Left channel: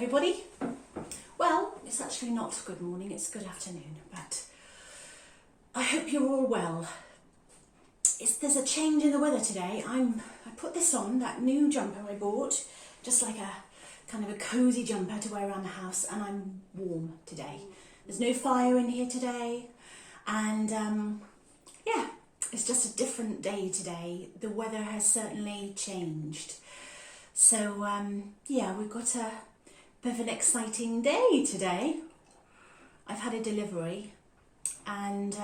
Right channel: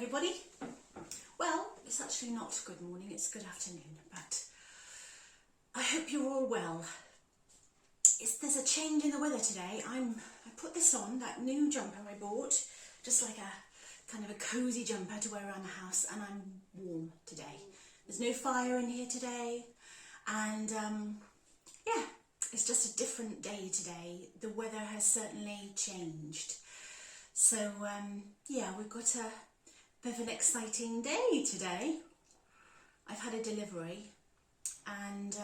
everybody. Well, it's actually not good morning, it's good afternoon, but I hope you're all well. There's a change in the weather today. I put this on, that new jumper I bought, just like a kind of a cosy jumper to wear around the house, and I'm warm today. There's no fire in here today, and yeah, it's just a different day today. The weather has certainly changed. So yeah, we've got a bit of an exciting day today. I've had a delivery, and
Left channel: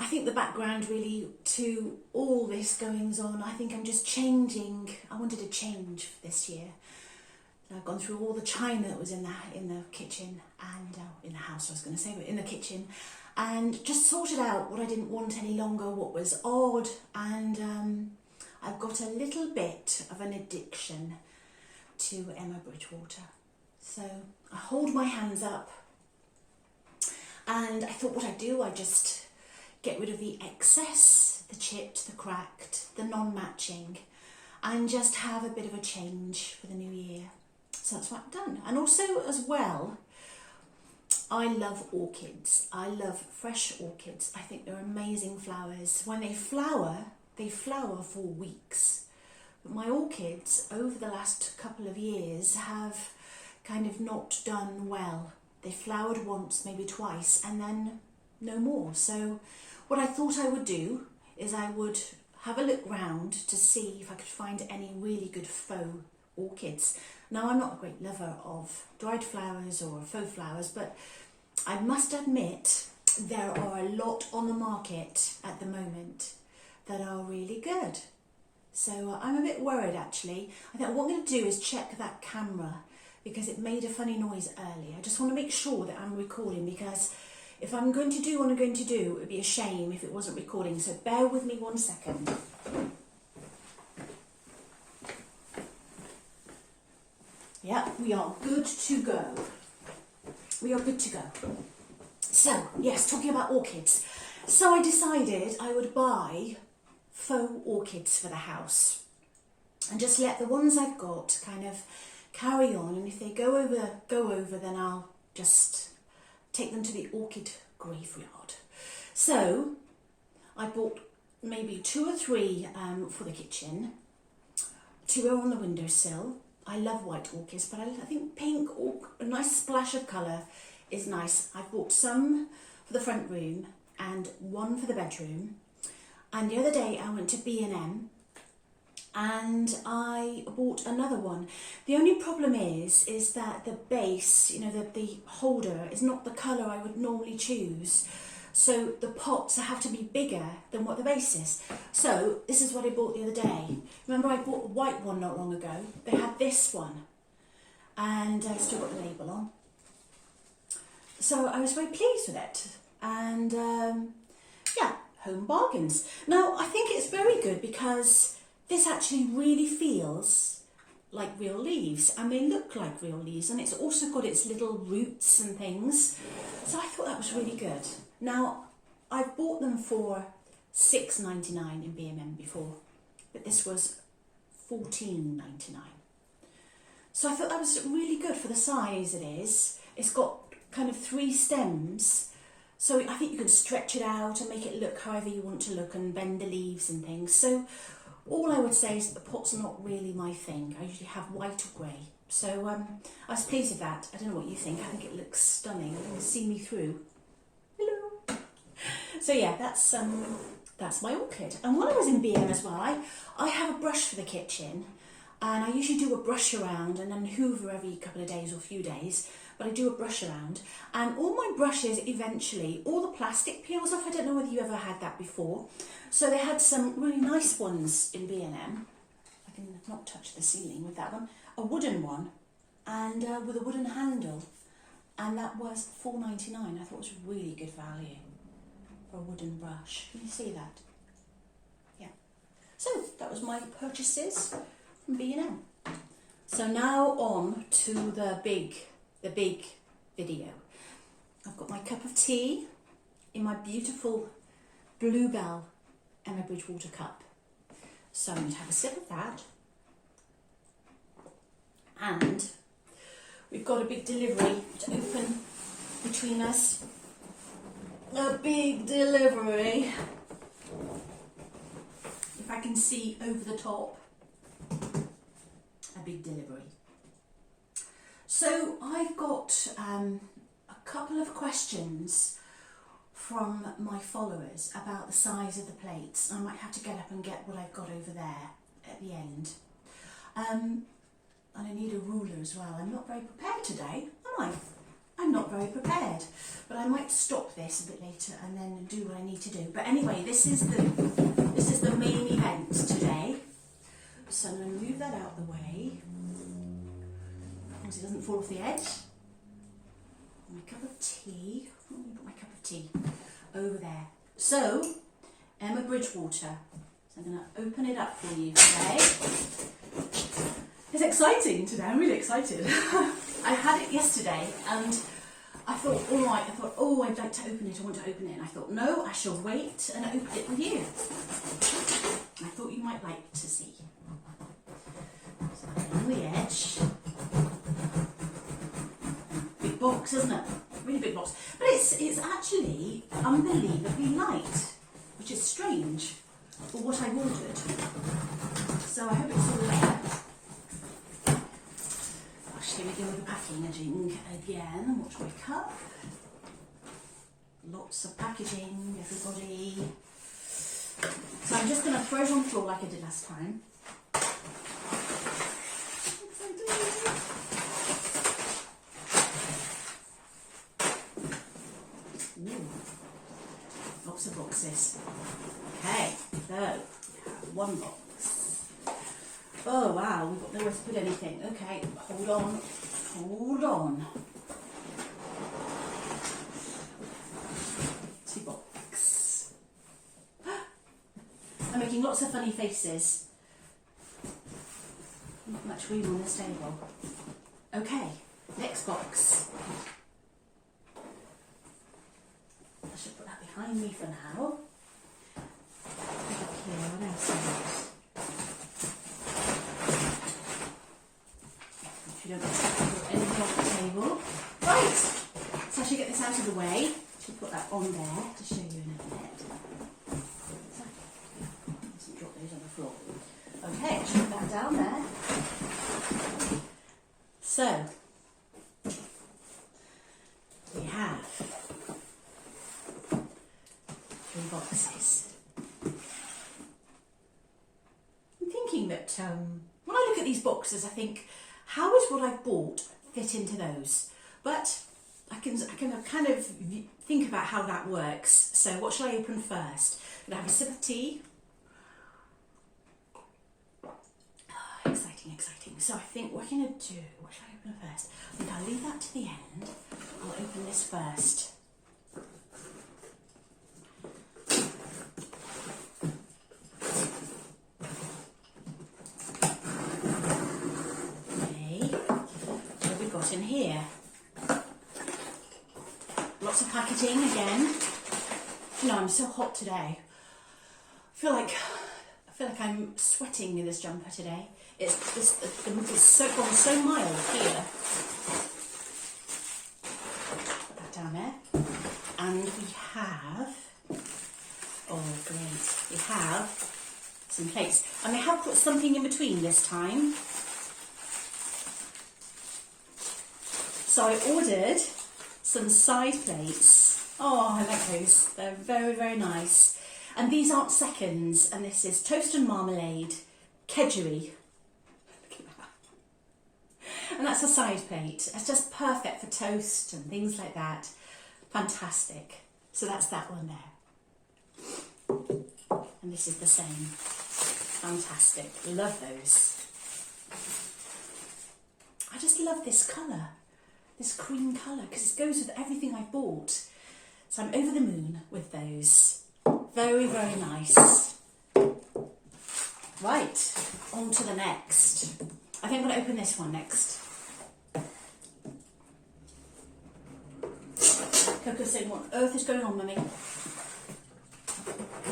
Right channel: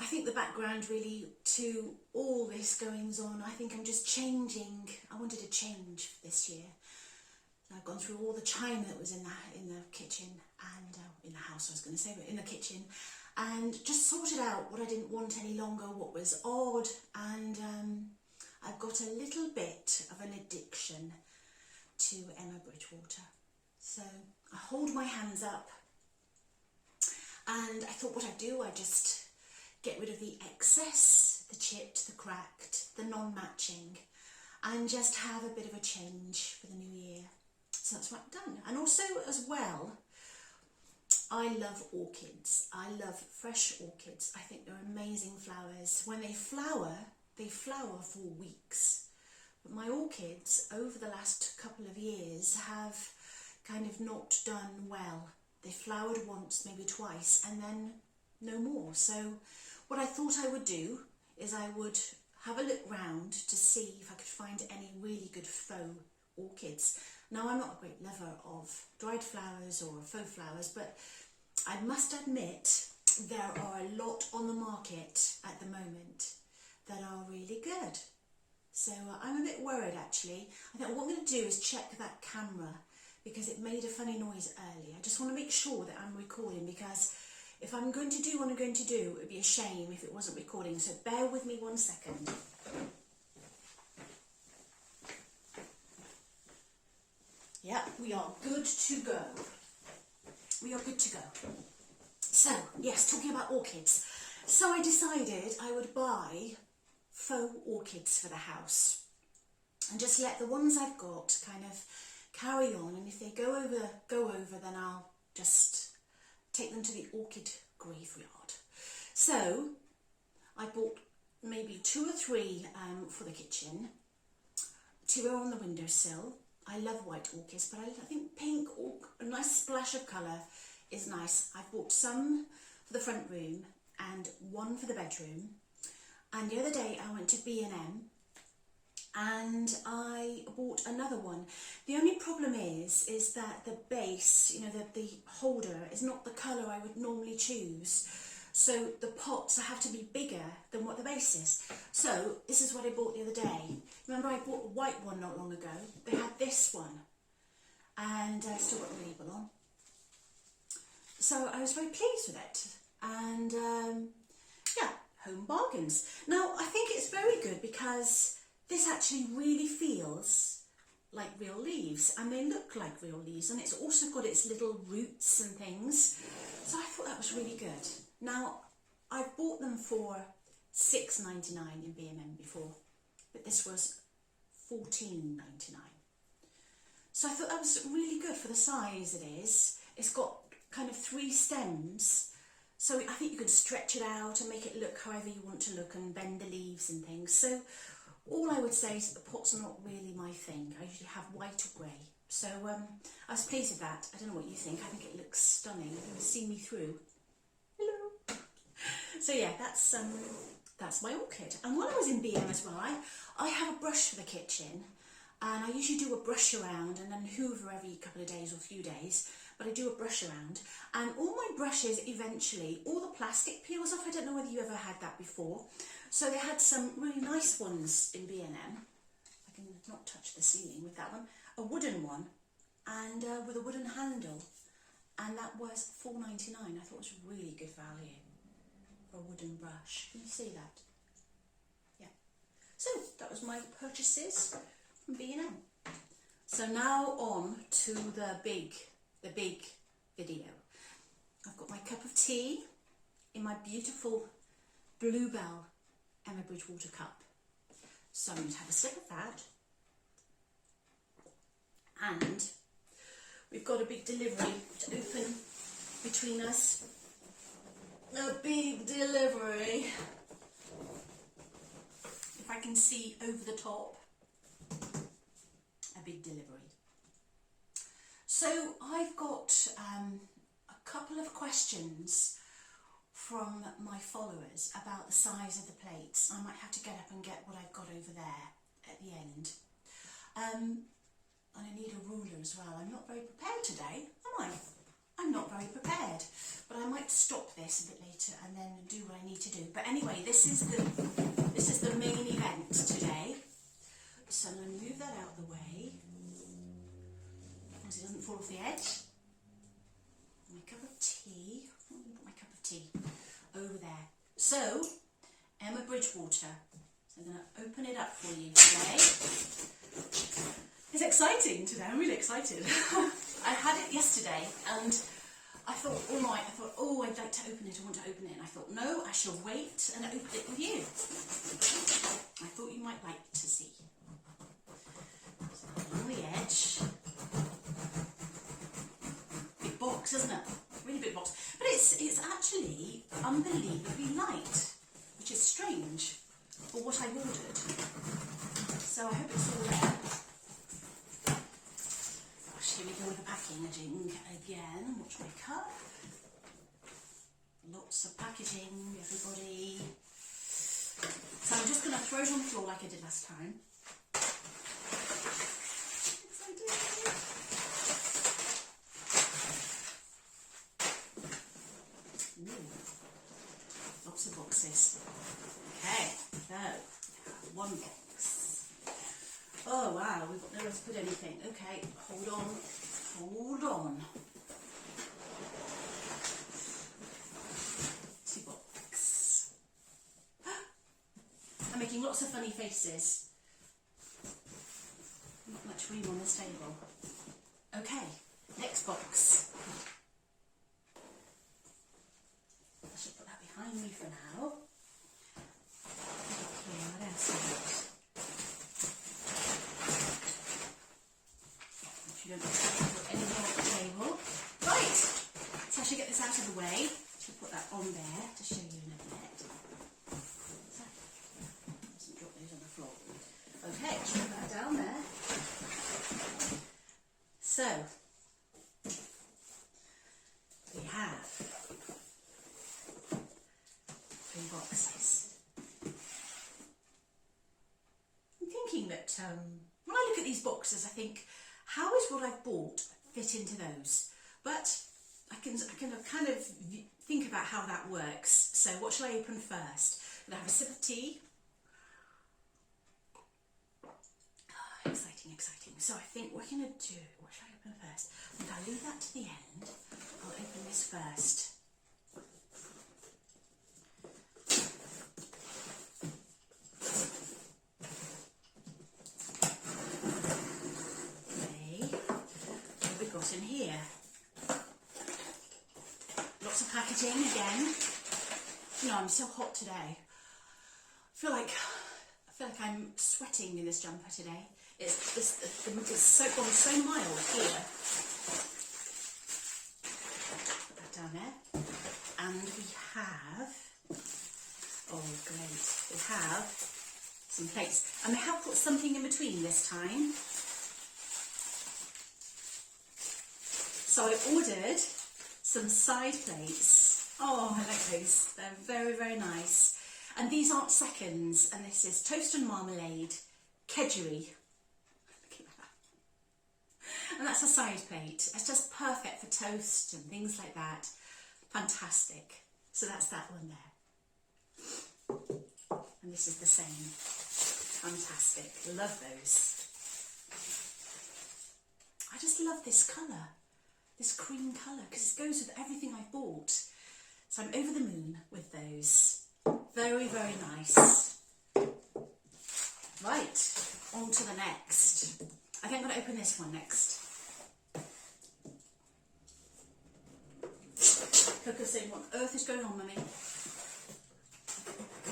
I think the background really to all this goings on, I think I'm just changing. I wanted to change for this year. So I've gone through all the china that was in the kitchen and in the house, I was going to say, but in the kitchen, and just sorted out what I didn't want any longer, what was odd, and I've got a little bit of an addiction to Emma Bridgewater. So I hold my hands up, and I thought what I'd do, I'd just get rid of the excess, the chipped, the cracked, the non-matching, and just have a bit of a change for the new year. So that's what I've done. And also as well, I love orchids. I love fresh orchids. I think they're amazing flowers. When they flower for weeks. But my orchids over the last couple of years have kind of not done well. They flowered once, maybe twice, and then no more. So what I thought I would do is I would have a look round to see if I could find any really good faux orchids. Now, I'm not a great lover of dried flowers or faux flowers, but I must admit there are a lot on the market at the moment that are really good. So I'm a bit worried actually. I think what I'm going to do is check that camera because it made a funny noise earlier. I just want to make sure that I'm recording, because if I'm going to do what I'm going to do, it would be a shame if it wasn't recording. So bear with me 1 second. Yeah, we are good to go. We are good to go. So, yes, talking about orchids. So I decided I would buy faux orchids for the house and just let the ones I've got kind of carry on, and if they go over, then I'll just take them to the orchid graveyard. So I bought maybe 2 or 3 for the kitchen to go on the windowsill. I love white orchids, but I think pink or a nice splash of colour is nice. I bought some for the front room and 1 for the bedroom. And the other day I went to B&M and I bought another one. The only problem is that the base, you know, the holder is not the colour I would normally choose. So the pots have to be bigger than what the base is. So this is what I bought the other day. Remember I bought a white one not long ago? They had this one, and I still got the label on. So I was very pleased with it. And yeah, home bargains. Now I think it's very good because this actually really feels like real leaves, and they look like real leaves, and it's also got its little roots and things. So I thought that was really good. Now, I've bought them for $6.99 in B&M before, but this was $14.99. So I thought that was really good for the size it is. It's got kind of 3 stems, so I think you can stretch it out and make it look however you want to look and bend the leaves and things. So all I would say is that the pots are not really my thing. I usually have white or grey. So I was pleased with that. I don't know what you think. I think it looks stunning. You can see me through. Hello. So yeah, that's my orchid. And when I was in B&M as well, I have a brush for the kitchen, and I usually do a brush around and then hoover every couple of days or few days. But I do a brush around, and all my brushes eventually, all the plastic peels off. I don't know whether you ever had that before. So they had some really nice ones in B&M. I can not touch the ceiling with that one. A wooden one, and with a wooden handle, and that was $4.99. I thought it was really good value for a wooden brush. Can you see that? Yeah. So that was my purchases from B&M. So now on to the big video. I've got my cup of tea in my beautiful Bluebell Emma Bridgewater cup. So I'm going to have a sip of that. And we've got a big delivery to open between us. A big delivery. If I can see over the top. A big delivery. So I've got a couple of questions from my followers about the size of the plates. I might have to get up and get what I've got over there at the end. And I need a ruler as well. I'm not very prepared today, am I? I'm not very prepared, but I might stop this a bit later and then do what I need to do. But anyway, this is the main event today. So I'm going to move that out of the way, so it doesn't fall off the edge. My cup of tea. Let me put my cup of tea over there. So, Emma Bridgewater. So I'm going to open it up for you today. It's exciting today. I'm really excited. I had it yesterday and I thought, all right, oh, I'd like to open it, I want to open it. And I thought, no, I shall wait and open it with you. I thought you might like to see. So on the edge. Big box, isn't it? Really big box. But it's actually unbelievably light, which is strange for what I've ordered. So I hope it's all there. Here we go with the packaging again. Watch my cup. Lots of packaging, everybody. So I'm just going to throw it on the floor like I did last time. Ooh. Lots of boxes. Okay, so we have one box. Oh wow, we've got nowhere to put anything. Okay, hold on, hold on. Tea box. I'm making lots of funny faces. Not much room on this table. Okay, next box. I should put that behind me for now. Okay, what else is it? You don't put anything on the table. Right, so I should get this out of the way. I should put that on there to show you in a minute. So, doesn't drop those on the floor. Okay, I should put that down there. So, we have 3 boxes. I'm thinking that when I look at these boxes, I think, how would what I've bought fit into those? But I can kind of think about how that works. So what should I open first? I'm going to have a sip of tea. Oh, exciting, exciting. So I think what I'm going to do, what should I open first? I'm going to leave that to the end. I'll open this first. In here, lots of packaging again. You know, I'm so hot today. I feel like I'm sweating in this jumper today. The mood is gone so mild here. Put that down there, and we have. Oh great! We have some plates, and they have put something in between this time. So I ordered some side plates. Oh, I like those. They're very, very nice. And these aren't seconds. And this is toast and marmalade, kedgeree. Look at that. And that's a side plate. It's just perfect for toast and things like that. Fantastic. So that's that one there. And this is the same. Fantastic. Love those. I just love this colour. This cream colour, because it goes with everything I bought. So I'm over the moon with those. Very, very nice. Right, on to the next. I think I'm going to open this one next. Coco's saying, what on earth is going on, Mummy?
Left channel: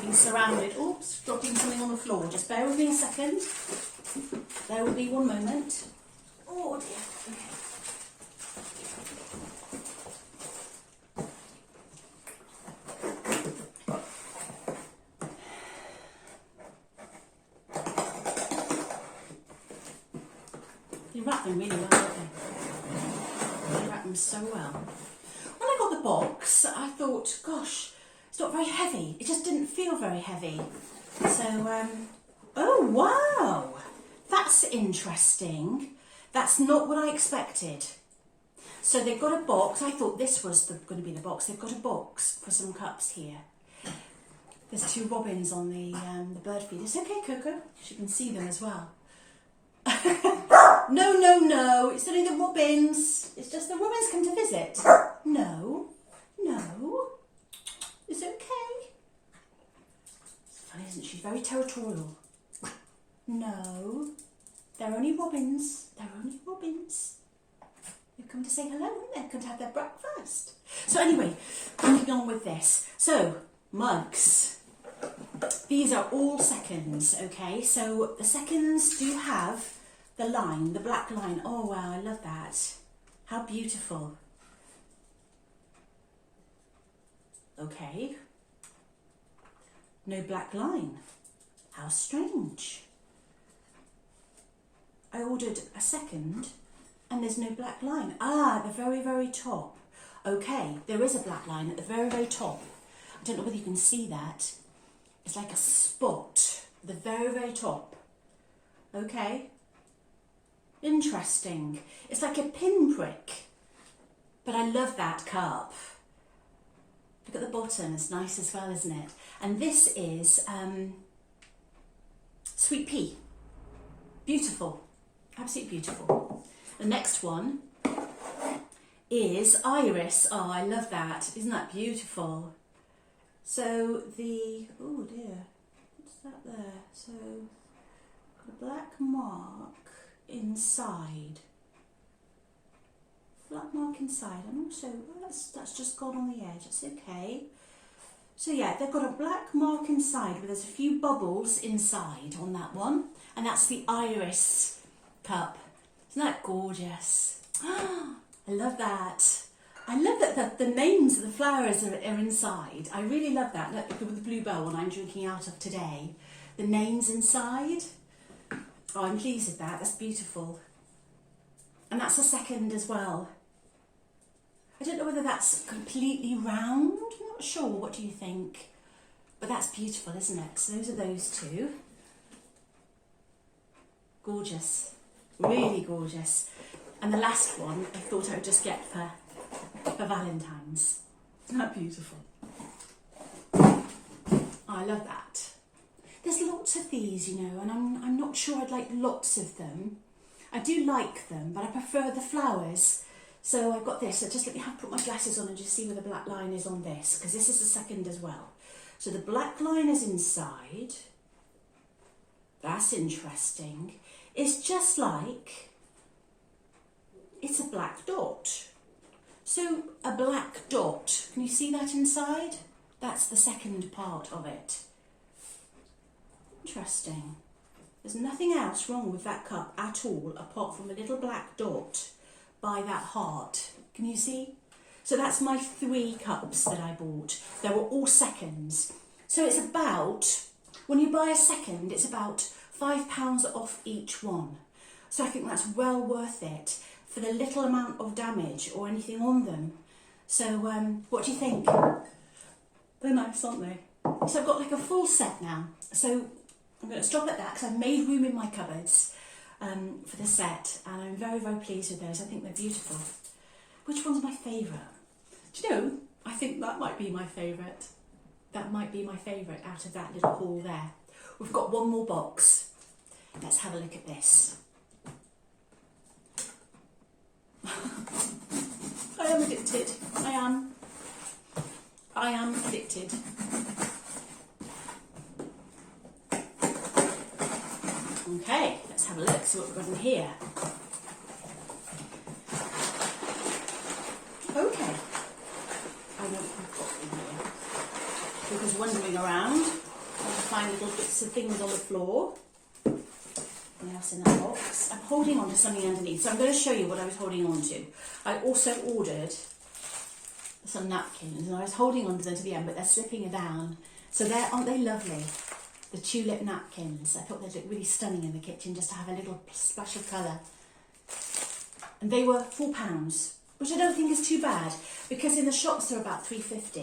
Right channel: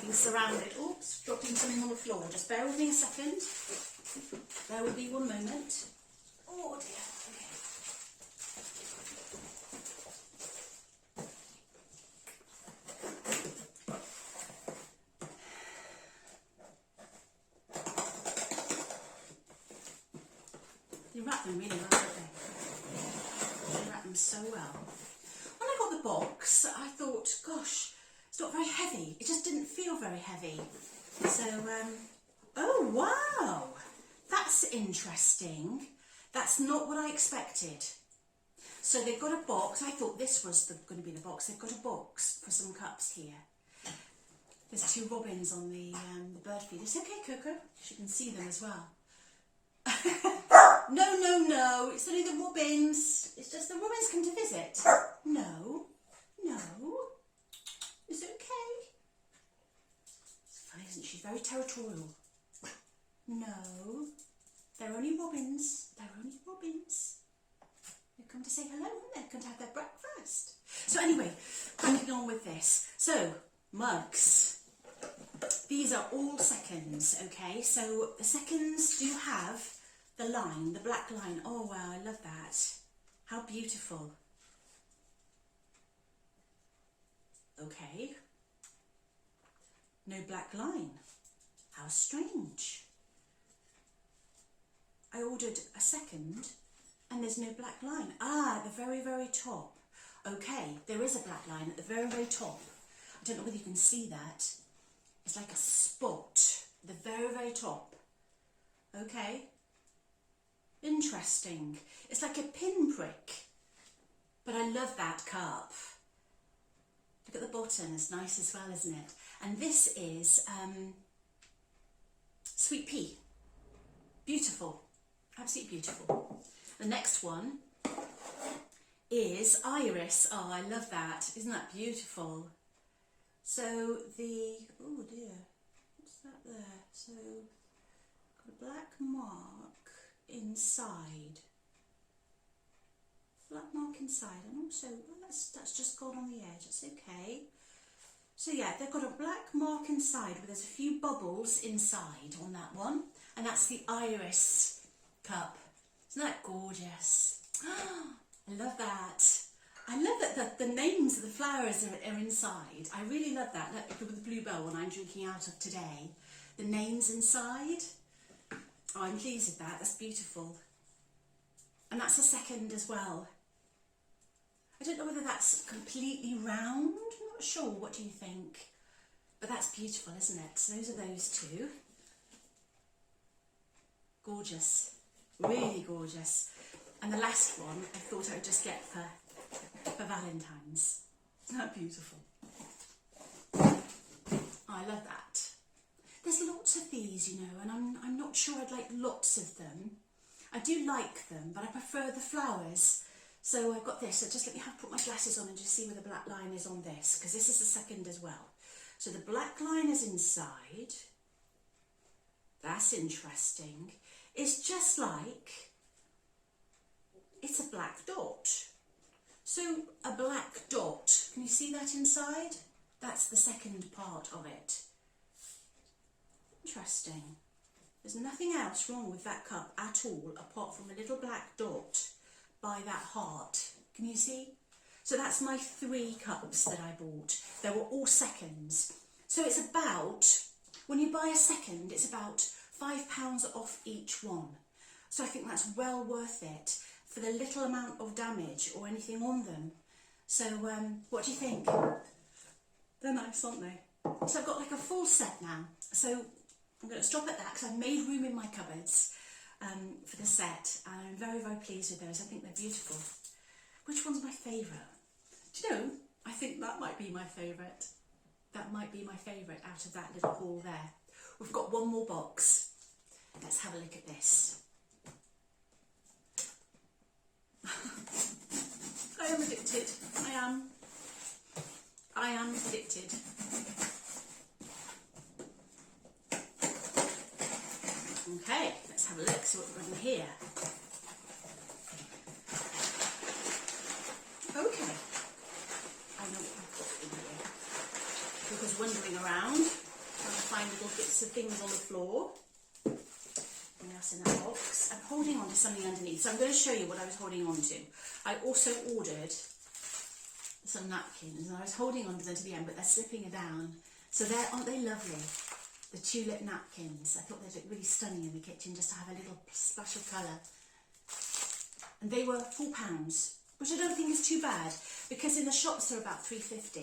Being surrounded. Oops, dropping something on the floor. Just bear with me a second. There will be one moment. Oh dear. Okay. They wrap them really well, don't they? They wrap them so well. When I got the box, I thought, gosh, it's not very heavy. It just didn't feel very heavy. So, oh wow, that's interesting. That's not what I expected. So they've got a box. I thought this was going to be the box. They've got a box for some cups here. There's 2 robins on the bird feeder. It's okay, Coco. You can see them as well. No, no, no. It's only the robins. It's just the robins come to visit. No, no. It's okay. It's funny, isn't she? Very territorial. No. They're only robins. They're only robins. They've come to say hello, haven't they? They've come to have their breakfast. So anyway, moving on with this. So, mugs. These are all seconds, okay? So the seconds do have the line, the black line. Oh wow, I love that. How beautiful. Okay. No black line. How strange. I ordered a second and there's no black line. Ah, at the very, very top. Okay, there is a black line at the very, very top. I don't know whether you can see that. It's like a spot at the very, very top. Okay. Interesting. It's like a pinprick. But I love that cup. Look at the bottom, it's nice as well, isn't it? And this is sweet pea. Beautiful. Absolutely beautiful. The next one is iris. Oh, I love that. Isn't that beautiful? So oh dear, what's that there? So, got a black mark inside. Black mark inside, and also, oh, that's just gone on the edge, that's okay. So yeah, they've got a black mark inside where there's a few bubbles inside on that one, and that's the iris cup. Isn't that gorgeous? I love that. I love that the names of the flowers are inside. I really love that. Look, with the bluebell one I'm drinking out of today. The names inside. Oh, I'm pleased with that. That's beautiful. And that's a second as well. I don't know whether that's completely round. I'm not sure. What do you think? But that's beautiful, isn't it? So those are those 2. Gorgeous. Really gorgeous. And the last one I thought I would just get for Valentine's. Isn't that beautiful? Oh, I love that. There's lots of these, you know, and I'm not sure I'd like lots of them. I do like them, but I prefer the flowers. So I've got this. So just let me put my glasses on and just see where the black line is on this, because this is the second as well. So the black line is inside. That's interesting. It's just like, it's a black dot. So a black dot, can you see that inside? That's the second part of it. Interesting. There's nothing else wrong with that cup at all, apart from a little black dot by that heart. Can you see? So that's my 3 cups that I bought. They were all seconds. So it's about, when you buy a second, it's about £5 off each one. So I think that's well worth it for the little amount of damage or anything on them. So what do you think? They're nice, aren't they? So I've got like a full set now. So I'm going to stop at that because I've made room in my cupboards for the set, and I'm very, very pleased with those. I think they're beautiful. Which one's my favourite? Do you know, I think that might be my favourite. That might be my favourite out of that little haul there. We've got one more box. Let's have a look at this. I am addicted. I am addicted. Okay, let's have a look, see what we've got in here. Okay, I know what I've got in here. Because wandering around, I find little bits of things on the floor. Anything else in that box? I'm holding on to something underneath, so I'm going to show you what I was holding on to. I also ordered some napkins, and I was holding on to them to the end, but they're slipping down. So aren't they lovely? The tulip napkins. I thought they'd look really stunning in the kitchen, just to have a little splash of colour. And they were £4, which I don't think is too bad, because in the shops they're about £3.50.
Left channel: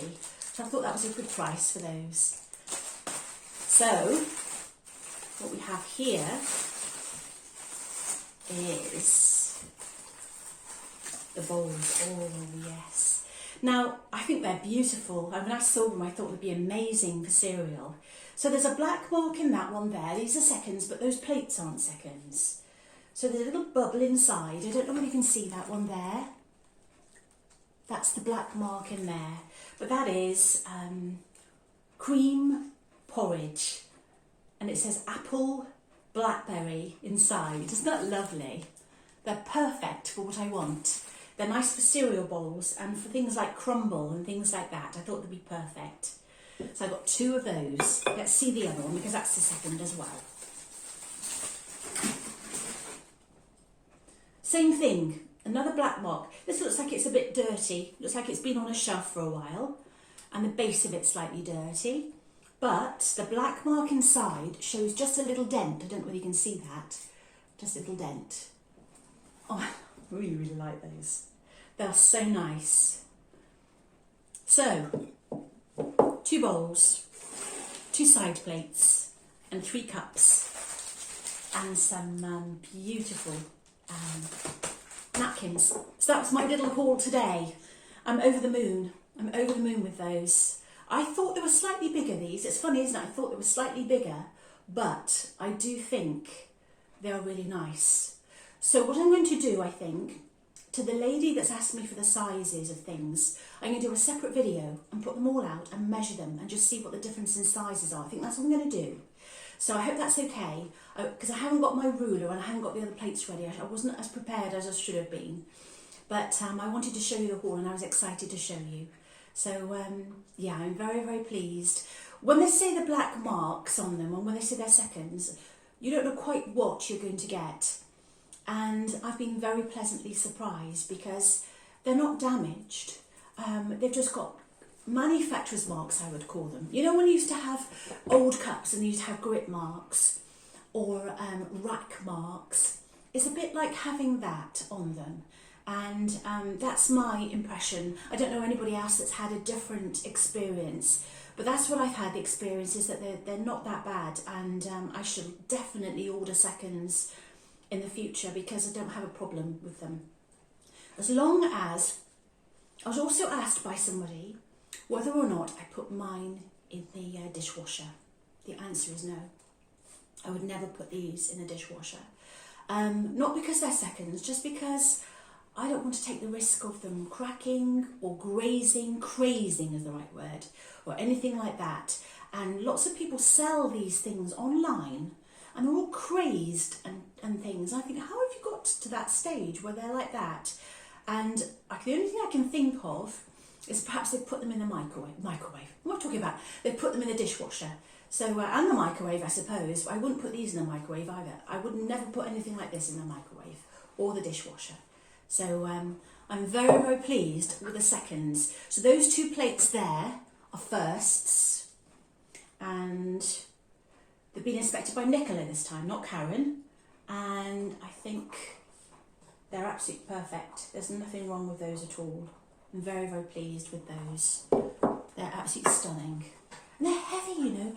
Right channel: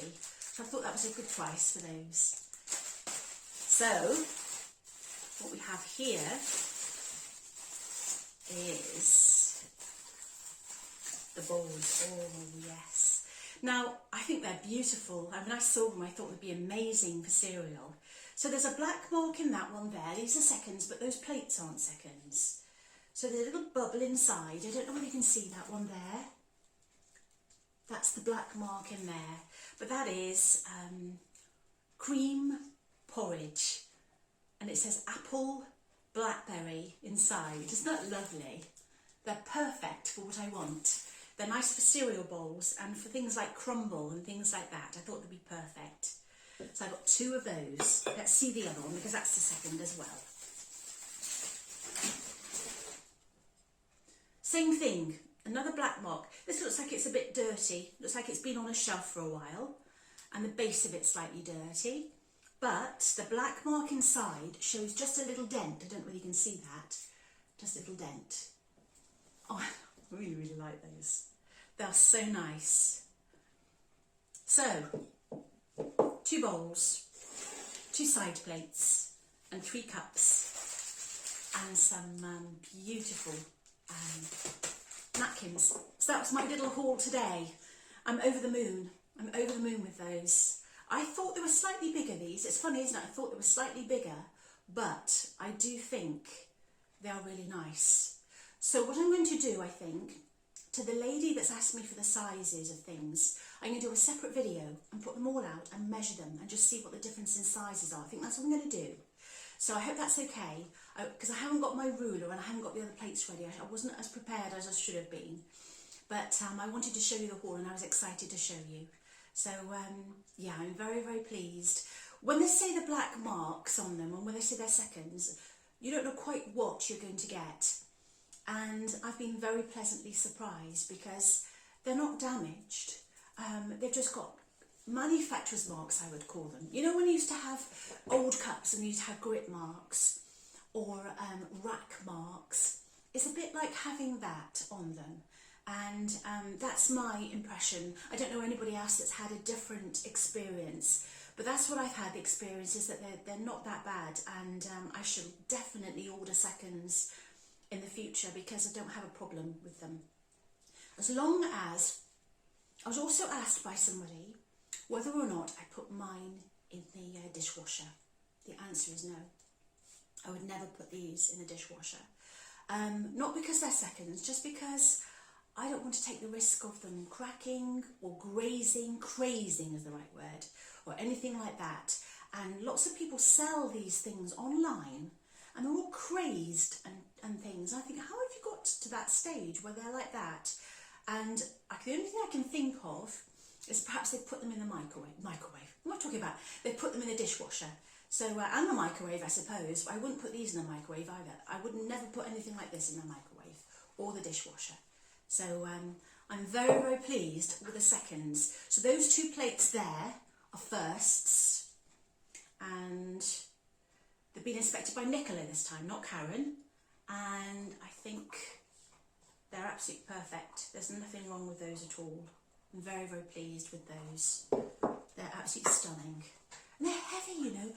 So I thought that was a good price for those. So what we have here is the bowls. Oh yes. Now I think they're beautiful. When I saw them I thought they'd be amazing for cereal. So there's a black mark in that one there. These are seconds, but those plates aren't seconds. So there's a little bubble inside. I don't know whether you can see that one there. That's the black mark in there. But that is cream porridge. And it says apple blackberry inside. Isn't that lovely? They're perfect for what I want. They're nice for cereal bowls and for things like crumble and things like that. I thought they'd be perfect. So I've got 2 of those. Let's see the other one because that's the second as well. Same thing, another black mark. This looks like it's a bit dirty. Looks like it's been on a shelf for a while. And the base of it's slightly dirty. But the black mark inside shows just a little dent. I don't know whether you can see that. Just a little dent. Oh, I really, really like those. They're so nice. So, 2 bowls, 2 side plates, and 3 cups, and some beautiful napkins. So that was my little haul today. I'm over the moon. I'm over the moon with those. I thought they were slightly bigger, these. It's funny, isn't it? I thought they were slightly bigger, but I do think they're really nice. So what I'm going to do, I think, to the lady that's asked me for the sizes of things, I'm going to do a separate video and put them all out and measure them and just see what the difference in sizes are. I think that's what I'm going to do. So I hope that's okay, because I haven't got my ruler and I haven't got the other plates ready. I wasn't as prepared as I should have been. But I wanted to show you the haul and I was excited to show you. So, yeah, I'm very, very pleased. When they say the black marks on them and when they say they're seconds, you don't know quite what you're going to get. And I've been very pleasantly surprised because they're not damaged. They've just got manufacturer's marks, I would call them. You know when you used to have old cups and you used to have grip marks or rack marks? It's a bit like having that on them. And that's my impression. I don't know anybody else that's had a different experience, but that's what I've had. The experience is that they're not that bad, and I shall definitely order seconds in the future because I don't have a problem with them. As long as, I was also asked by somebody whether or not I put mine in the dishwasher. The answer is no. I would never put these in the dishwasher. Not because they're seconds, just because I don't want to take the risk of them cracking or grazing, crazing is the right word, or anything like that. And lots of people sell these things online and they're all crazed and things. I think, how have you got to that stage where they're like that? And the only thing I can think of is perhaps they put them in the microwave. What am I talking about? They put them in the dishwasher. So, and the microwave, I suppose. I wouldn't put these in the microwave either. I would never put anything like this in the microwave or the dishwasher. So I'm very, very pleased with the seconds. So those 2 plates there are firsts, and they've been inspected by Nicola this time, not Karen, and I think they're absolutely perfect. There's nothing wrong with those at all. I'm very, very pleased with those. They're absolutely stunning. And they're heavy, you know.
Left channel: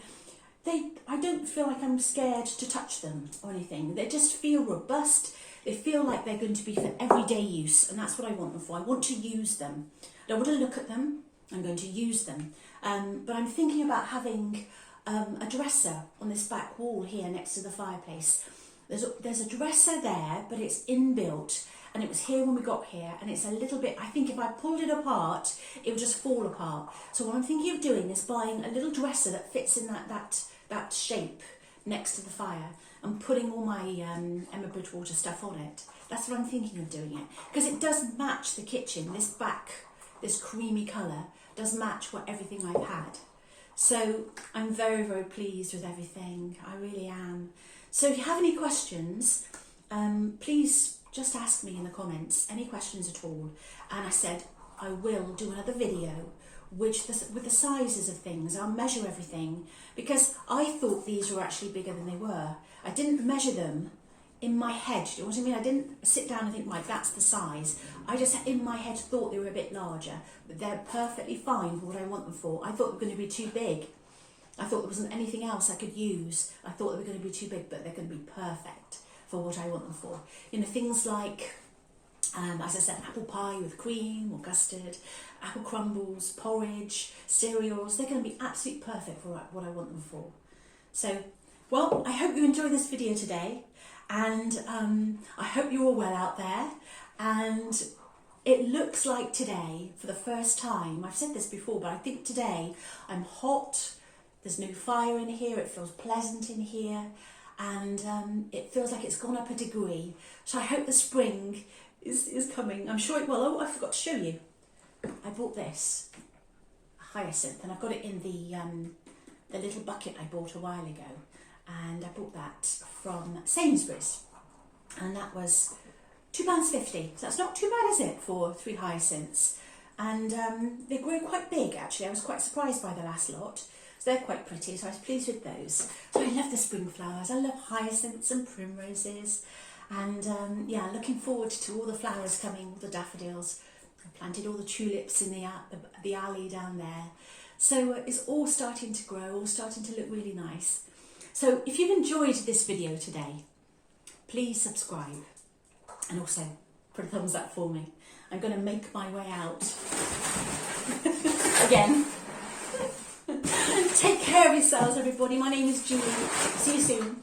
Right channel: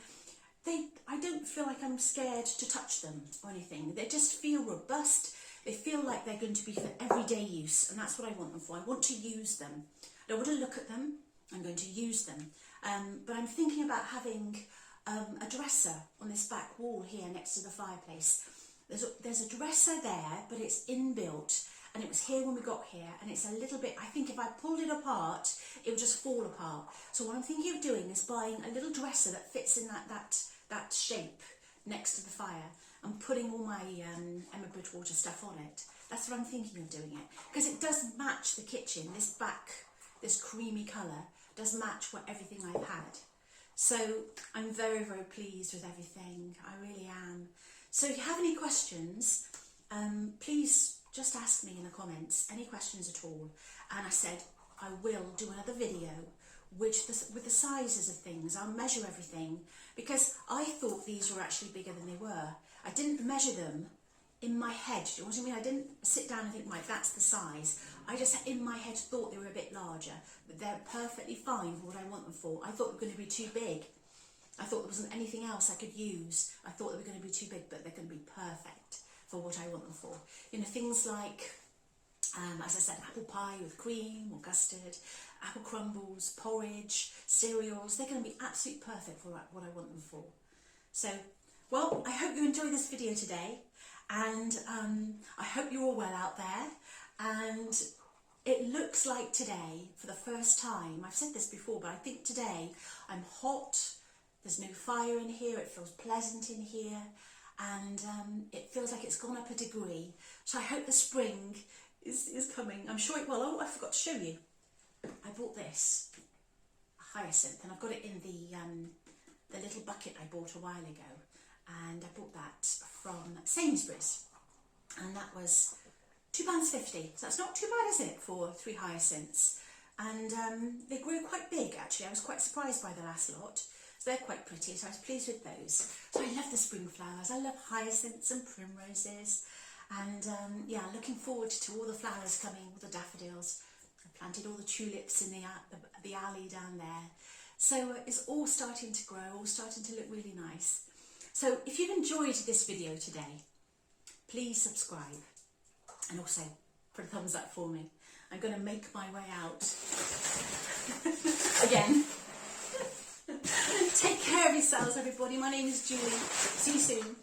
I don't feel like I'm scared to touch them or anything. They just feel robust. They feel like they're going to be for everyday use, and that's what I want them for. I want to use them. I don't want to look at them. I'm going to use them. But I'm thinking about having a dresser on this back wall here next to the fireplace. There's a dresser there, but it's inbuilt, and it was here when we got here, and it's a little bit, I think if I pulled it apart, it would just fall apart. So what I'm thinking of doing is buying a little dresser that fits in that shape next to the fire, and putting all my Emma Bridgewater stuff on it. That's what I'm thinking of doing it. Because it does match the kitchen. This creamy colour does match everything I've had. So I'm very, very pleased with everything. I really am. So if you have any questions, please just ask me in the comments, any questions at all. And I said I will do another video with the sizes of things. I'll measure everything, because I thought these were actually bigger than they were. I didn't measure them in my head. Do you know what I mean? I didn't sit down and think, right, that's the size. I just in my head thought they were a bit larger, but they're perfectly fine for what I want them for. I thought they were going to be too big. I thought there wasn't anything else I could use. I thought they were going to be too big, but they're going to be perfect for what I want them for. You know, things like, as I said, apple pie with cream or custard, apple crumbles, porridge, cereals. They're going to be absolutely perfect for what I want them for. So, well, I hope you enjoyed this video today, and I hope you're all well out there. And it looks like today, for the first time, I've said this before, but I think today I'm hot. There's no fire in here. It feels pleasant in here, and it feels like it's gone up a degree. So I hope the spring is coming. I'm sure it will. Oh, I forgot to show you. I bought this, a hyacinth, and I've got it in the little bucket I bought a while ago, and I bought that from Sainsbury's, and that was £2.50. So that's not too bad, is it, for 3 hyacinths? And they grow quite big, actually. I was quite surprised by the last lot. So they're quite pretty, so I was pleased with those. So I love the spring flowers. I love hyacinths and primroses. And yeah, looking forward to all the flowers coming, all the daffodils. I planted all the tulips in the alley down there. So it's all starting to grow, all starting to look really nice. So if you've enjoyed this video today, please subscribe. And also put a thumbs up for me. I'm going to make my way out. Again. Take care of yourselves, everybody. My name is Julie. See you soon.